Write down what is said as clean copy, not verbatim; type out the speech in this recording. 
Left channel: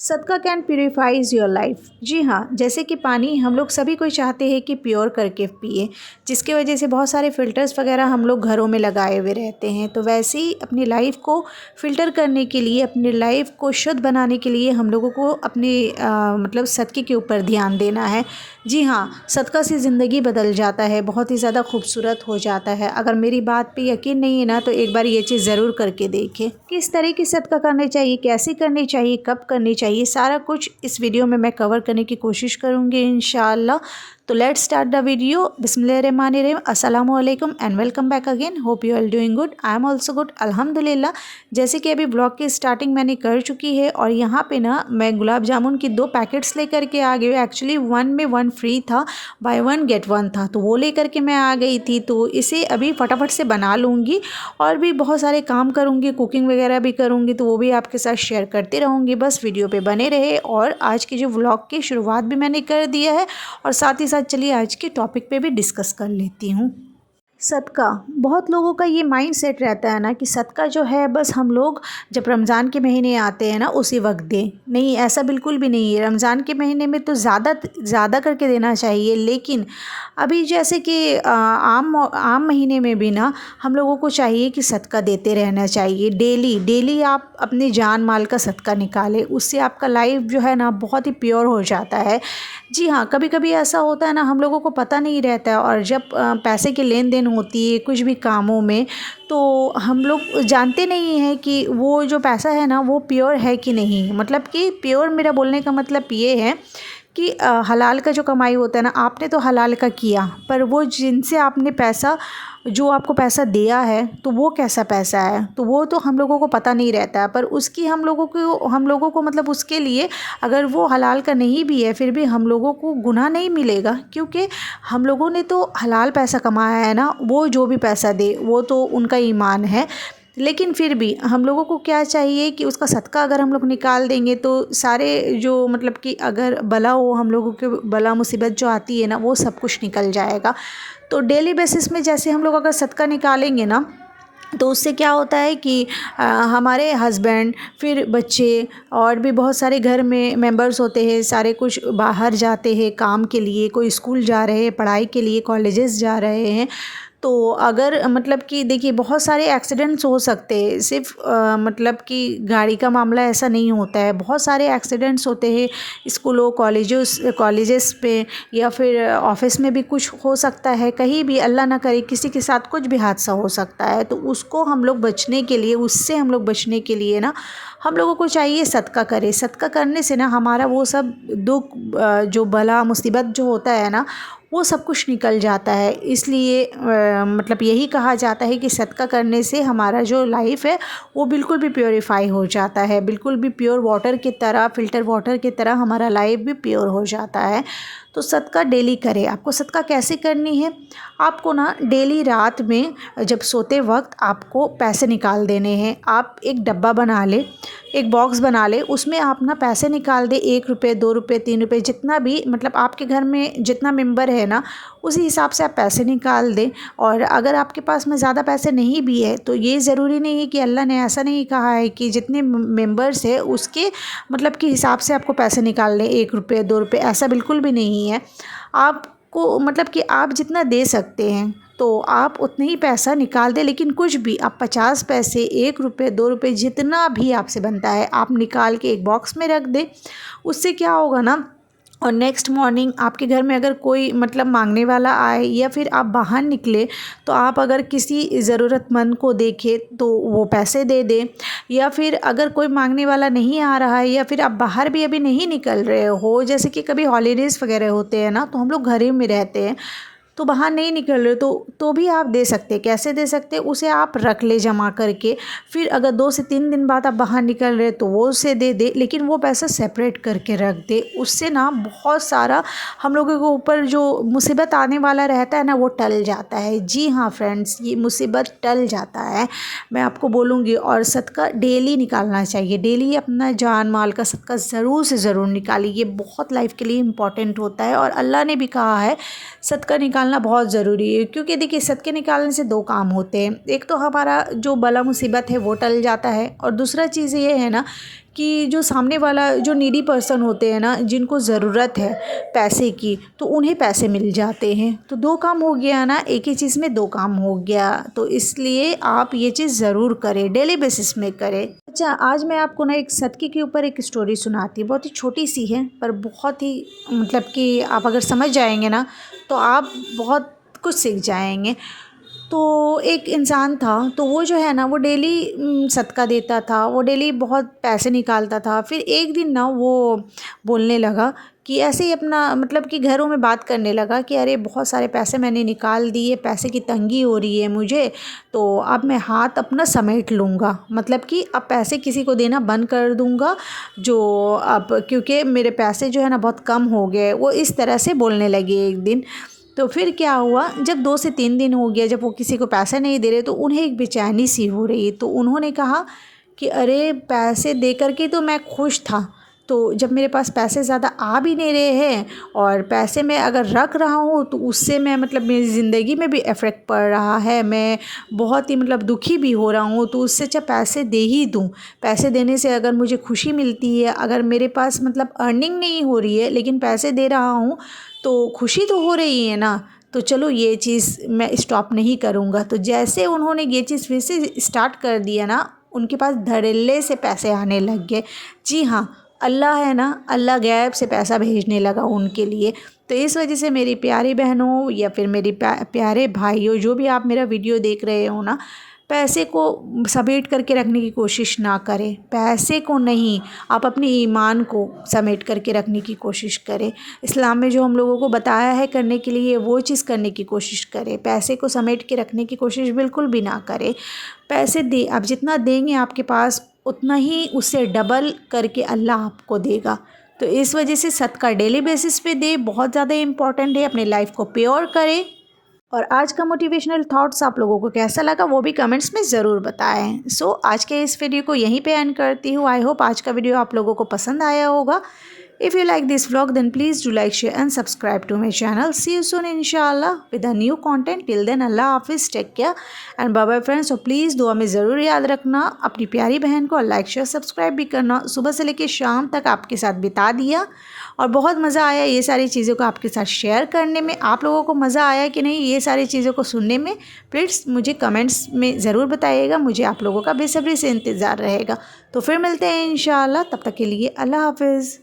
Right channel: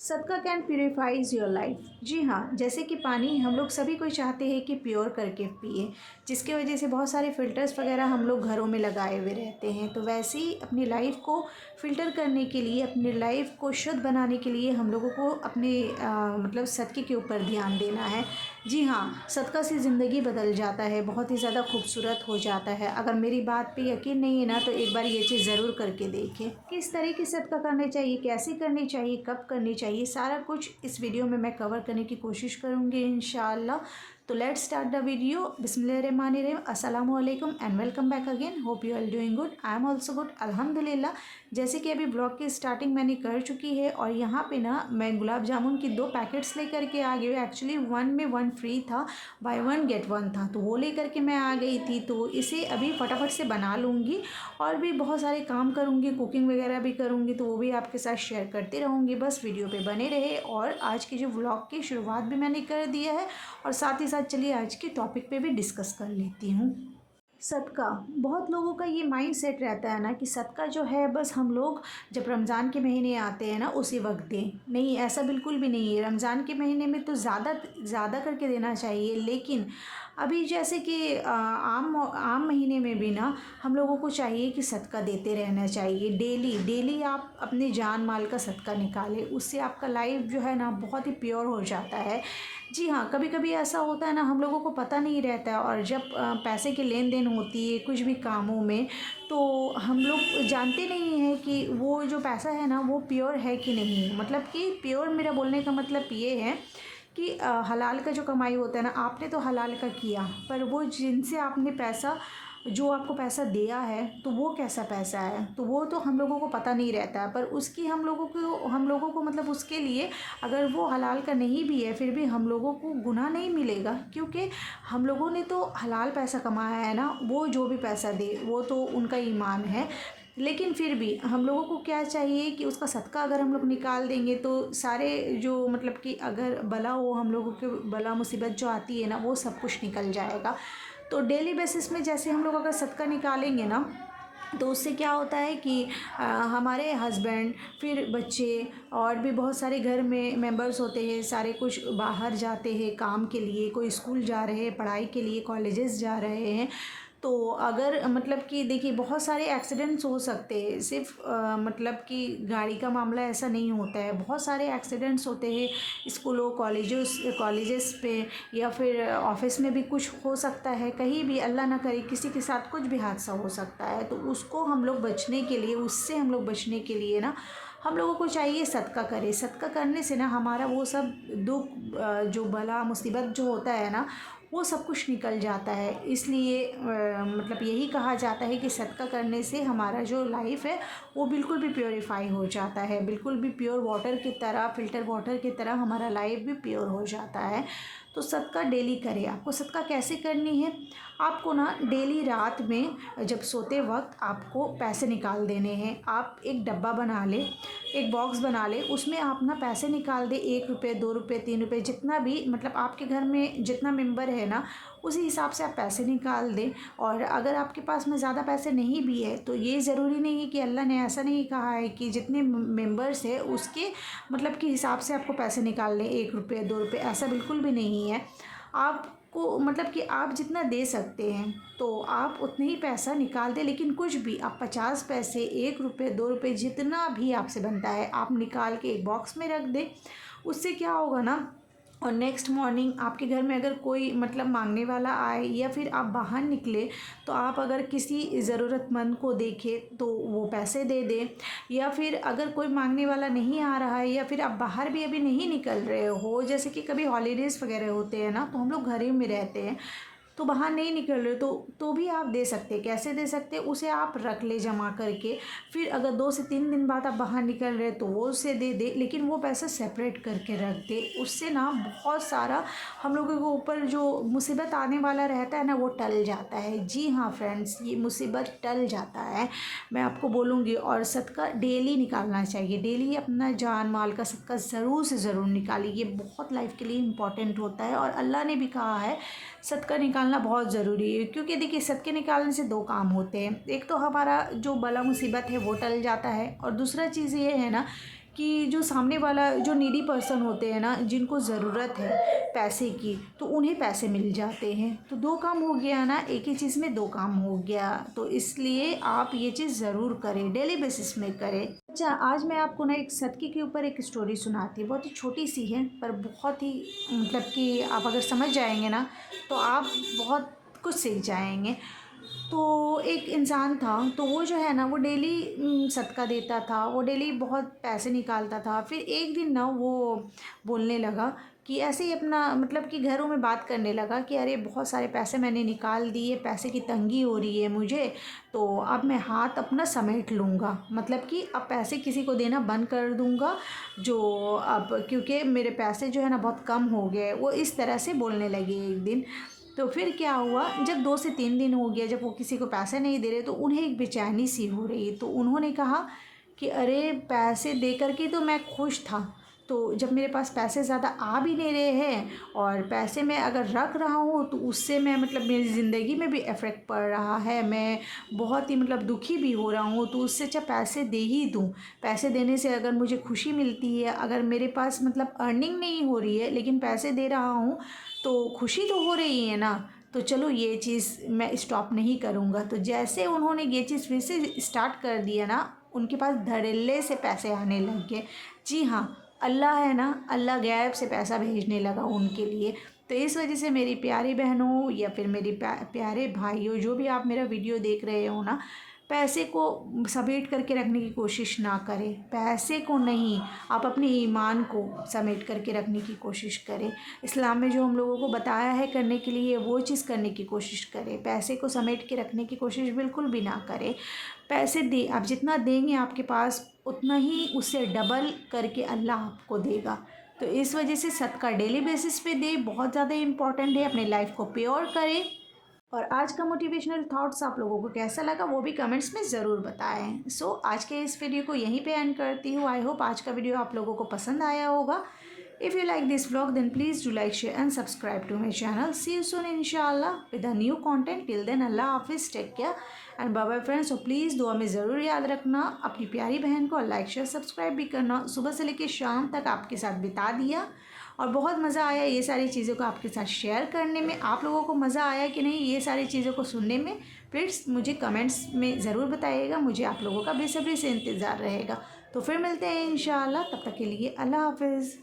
सदका can purifiers your life. जी हाँ, जैसे कि पानी हम लोग सभी कोई चाहते हैं कि प्योर करके पिए, जिसकी वजह से बहुत सारे फ़िल्टर्स वगैरह हम लोग घरों में लगाए हुए रहते हैं। तो वैसे ही अपनी लाइफ को फ़िल्टर करने के लिए, अपनी लाइफ को शुद्ध बनाने के लिए हम लोगों को अपने मतलब सदक़े के ऊपर ध्यान देना है। जी हाँ, सदका से ज़िंदगी बदल जाता है, बहुत ही ज़्यादा खूबसूरत हो जाता है। अगर मेरी बात पे यकीन नहीं है ना, तो एक बार ये चीज़ ज़रूर करके देखें। किस तरह की सदका करनी चाहिए, कैसे करनी चाहिए, कब करनी चाहिए, सारा कुछ इस वीडियो में मैं कवर करने की कोशिश करूँगी इंशाअल्लाह। तो लेट्स स्टार्ट द वीडियो। बिस्मिल्लाहिर्रहमानिर्रहीम, अस्सलामु अलैकुम and welcome back again. Hope you are doing good, I am also good अल्हम्दुलिल्लाह। जैसे कि अभी ब्लॉग की स्टार्टिंग मैंने कर चुकी है और यहाँ पे ना मैं गुलाब जामुन की 2 पैकेट्स लेकर के आ गई हूँ। एक्चुअली 1 में 1 फ्री था, बाय 1 गेट 1 था, तो वो लेकर के मैं आ गई थी। तो इसे अभी फटाफट से बना लूँगी और भी बहुत सारे काम करूँगी, कुकिंग वगैरह भी करूँगी, तो वो भी आपके साथ शेयर करती रहूँगी। बस वीडियो पे बने रहे। और आज की जो व्लॉग की शुरुआत भी मैंने कर दिया है और साथ ही साथ चलिए आज के टॉपिक पे भी डिस्कस कर लेती हूँ। सदका, बहुत लोगों का ये माइंड सेट रहता है ना कि सदका जो है बस हम लोग जब रमज़ान के महीने आते हैं ना उसी वक्त दें। नहीं, ऐसा बिल्कुल भी नहीं है। रमज़ान के महीने में तो ज़्यादा करके देना चाहिए, लेकिन अभी जैसे कि आम महीने में भी ना हम लोगों को चाहिए कि सदका देते रहना चाहिए। डेली डेली आप अपने जान माल का सदका निकालें, उससे आपका लाइफ जो है ना बहुत ही प्योर हो जाता है। जी हाँ, कभी कभी ऐसा होता है ना, हम लोगों को पता नहीं रहता है और जब पैसे की लेन देन होती है कुछ भी कामों में, तो हम लोग जानते नहीं हैं कि वो जो पैसा है ना वो प्योर है कि नहीं। मतलब कि प्योर, मेरा बोलने का मतलब ये है कि हलाल का जो कमाई होता है ना, आपने तो हलाल का किया, पर वो जिनसे आपने पैसा, जो आपको पैसा दिया है, तो वो कैसा पैसा है, तो वो तो हम लोगों को पता नहीं रहता है। पर उसकी हम लोगों को मतलब उसके लिए अगर वो हलाल का नहीं भी है, फिर भी हम लोगों को गुनाह नहीं मिलेगा, क्योंकि हम लोगों ने तो हलाल पैसा कमाया है ना। वो जो भी पैसा दे वो तो उनका ईमान है, लेकिन फिर भी हम लोगों को क्या चाहिए कि उसका सदका अगर हम लोग निकाल देंगे तो सारे जो मतलब कि अगर बला हो, हम लोगों के बला मुसीबत जो आती है ना, वो सब कुछ निकल जाएगा। तो डेली बेसिस में जैसे हम लोग अगर सदका निकालेंगे ना, तो उससे क्या होता है कि हमारे हस्बैंड, फिर बच्चे और भी बहुत सारे घर में मेंबर्स होते हैं, सारे कुछ बाहर जाते हैं काम के लिए, कोई स्कूल जा रहे हैं, पढ़ाई के लिए कॉलेजेस जा रहे हैं। तो अगर मतलब कि देखिए बहुत सारे एक्सीडेंट्स हो सकते हैं, सिर्फ मतलब कि गाड़ी का मामला ऐसा नहीं होता है, बहुत सारे एक्सीडेंट्स होते हैं स्कूलों कॉलेजेस पे, या फिर ऑफिस में भी कुछ हो सकता है, कहीं भी अल्लाह ना करे किसी के साथ कुछ भी हादसा हो सकता है। तो उसको हम लोग बचने के लिए, उससे हम लोग बचने के लिए ना हम लोगों को चाहिए सदका करें। सदका करने से ना हमारा वो सब दुख, जो बला मुसीबत जो होता है ना, वो सब कुछ निकल जाता है। इसलिए मतलब यही कहा जाता है कि सदका करने से हमारा जो लाइफ है वो बिल्कुल भी प्योरीफाई हो जाता है, बिल्कुल भी प्योर वाटर की तरह, फ़िल्टर वाटर की तरह हमारा लाइफ भी प्योर हो जाता है। तो सदका डेली करें। आपको सदका कैसे करनी है, आपको ना डेली रात में जब सोते वक्त आपको पैसे निकाल देने हैं। आप एक डब्बा बना लें, एक बॉक्स बना लें, उसमें आप ना पैसे निकाल दें, 1 रुपये, 2 रुपये, 3 रुपये, जितना भी मतलब आपके घर में जितना मेंबर है ना, उसी हिसाब से आप पैसे निकाल दें। और अगर आपके पास में ज़्यादा पैसे नहीं भी है, तो ये ज़रूरी नहीं है कि अल्लाह ने ऐसा नहीं कहा है कि जितने मेंबर्स है उसके मतलब के हिसाब से आपको पैसे निकाल लें, 1 रुपये, 2 रुपये, ऐसा बिल्कुल भी नहीं है। आपको मतलब कि आप जितना दे सकते हैं तो आप उतने ही पैसा निकाल दें, लेकिन कुछ भी आप 50 पैसे, 1 रुपये, 2 रुपये, जितना भी आपसे बनता है आप निकाल के एक बॉक्स में रख दें। उससे क्या होगा ना, और नेक्स्ट मॉर्निंग आपके घर में अगर कोई मतलब मांगने वाला आए, या फिर आप बाहर निकले तो आप अगर किसी ज़रूरतमंद को देखें तो वो पैसे दे दें, या फिर अगर कोई मांगने वाला नहीं आ रहा है, या फिर आप बाहर भी अभी नहीं निकल रहे हो, जैसे कि कभी हॉलीडेज़ वगैरह होते हैं ना, तो हम लोग घर ही में रहते हैं, तो बाहर नहीं निकल रहे, तो भी आप दे सकते हैं। कैसे दे सकते हैं, उसे आप रख ले जमा करके, फिर अगर 2 से 3 दिन बाद आप बाहर निकल रहे तो वो उसे दे दे, लेकिन वो पैसा सेपरेट करके रख दे। उससे ना बहुत सारा हम लोगों के ऊपर जो मुसीबत आने वाला रहता है ना, वो टल जाता है। जी हाँ फ्रेंड्स, ये मुसीबत टल जाता है, मैं आपको बोलूँगी। और सदका डेली निकालना चाहिए, डेली अपना जान माल का सदका ज़रूर से ज़रूर निकालिए, ये बहुत लाइफ के लिए इम्पॉर्टेंट होता है। और अल्लाह ने भी कहा है सदका निकालना बहुत ज़रूरी है, क्योंकि देखिए सदके निकालने से 2 काम होते हैं। एक तो हमारा जो बला मुसीबत है वो टल जाता है, और दूसरा चीज़ ये है ना कि जो सामने वाला जो नीडी पर्सन होते हैं ना, जिनको ज़रूरत है पैसे की, तो उन्हें पैसे मिल जाते हैं। तो 2 काम हो गया ना, एक ही चीज़ में 2 काम हो गया। तो इसलिए आप ये चीज़ ज़रूर करें, डेली बेसिस में करें। अच्छा, आज मैं आपको ना एक सदक़े के ऊपर एक स्टोरी सुनाती हूँ। बहुत ही छोटी सी है, पर बहुत ही मतलब कि आप अगर समझ जाएँगे ना, तो आप बहुत कुछ सीख जाएँगे। तो एक इंसान था, तो वो जो है ना, वो डेली सदका देता था, वो डेली बहुत पैसे निकालता था। फिर एक दिन ना वो बोलने लगा कि ऐसे ही अपना मतलब कि घरों में बात करने लगा कि अरे बहुत सारे पैसे मैंने निकाल दिए, पैसे की तंगी हो रही है मुझे, तो अब मैं हाथ अपना समेट लूँगा। मतलब कि अब पैसे किसी को देना बंद कर दूँगा, जो अब क्योंकि मेरे पैसे जो है ना बहुत कम हो गए। वो इस तरह से बोलने लगे एक दिन। तो फिर क्या हुआ, जब 2 से 3 दिन हो गया, जब वो किसी को पैसे नहीं दे रहे, तो उन्हें एक बेचैनी सी हो रही। तो उन्होंने कहा कि अरे पैसे दे कर के तो मैं खुश था, तो जब मेरे पास पैसे ज़्यादा आ भी नहीं रहे हैं और पैसे मैं अगर रख रहा हूँ, तो उससे मैं मतलब मेरी ज़िंदगी में भी इफ़ेक्ट पड़ रहा है, मैं बहुत ही मतलब दुखी भी हो रहा हूँ। तो उससे अच्छा पैसे दे ही दूँ। पैसे देने से अगर मुझे खुशी मिलती है, अगर मेरे पास मतलब अर्निंग नहीं हो रही है, लेकिन पैसे दे रहा हूँ, तो खुशी तो हो रही है ना, तो चलो ये चीज़ मैं स्टॉप नहीं करूँगा। तो जैसे उन्होंने ये चीज़ फिर से स्टार्ट कर दिया ना, उनके पास धड़ल्ले से पैसे आने लग गए। जी हाँ, अल्लाह है ना, अल्लाह गैब से पैसा भेजने लगा उनके लिए। तो इस वजह से मेरी प्यारी बहनों या फिर मेरी प्यारे भाइयों, जो भी आप मेरा वीडियो देख रहे हो ना, पैसे को समेट करके रखने की कोशिश ना करें। पैसे को नहीं, आप अपने ईमान को समेट करके रखने की कोशिश करें। इस्लाम में जो हम लोगों को बताया है करने के लिए, वो चीज़ करने की कोशिश करें। पैसे को समेट के रखने की कोशिश बिल्कुल भी ना करें। पैसे दे, आप जितना देंगे आपके पास, उतना ही उससे डबल करके अल्लाह आपको देगा। तो इस वजह से सदका डेली बेसिस पे दे, बहुत ज़्यादा इम्पॉर्टेंट है। अपने लाइफ को प्योर करें। और आज का मोटिवेशनल थॉट्स आप लोगों को कैसा लगा, वो भी कमेंट्स में ज़रूर बताएं। सो आज के इस वीडियो को यहीं पे एंड करती हूँ। आई होप आज का वीडियो आप लोगों को पसंद आया होगा। If you like this vlog, then please do like, share and subscribe to my channel. See you soon inshallah with a new content. Till then, Allah Hafiz, take care and bye bye friends. So please दुआ में ज़रूर याद रखना, अपनी प्यारी बहन को like share subscribe भी करना। सुबह से लेकर शाम तक आपके साथ बिता दिया और बहुत मज़ा आया ये सारी चीज़ों को आपके साथ शेयर करने में। आप लोगों को मज़ा आया कि नहीं ये सारी चीज़ों को सुनने में, प्लीज़ मुझे कमेंट्स में ज़रूर बताइएगा। मुझे आप लोगों का बेसब्री से इंतज़ार रहेगा। तो फिर मिलते हैं इंशाल्लाह, तब तक के लिए अल्लाह हाफिज़।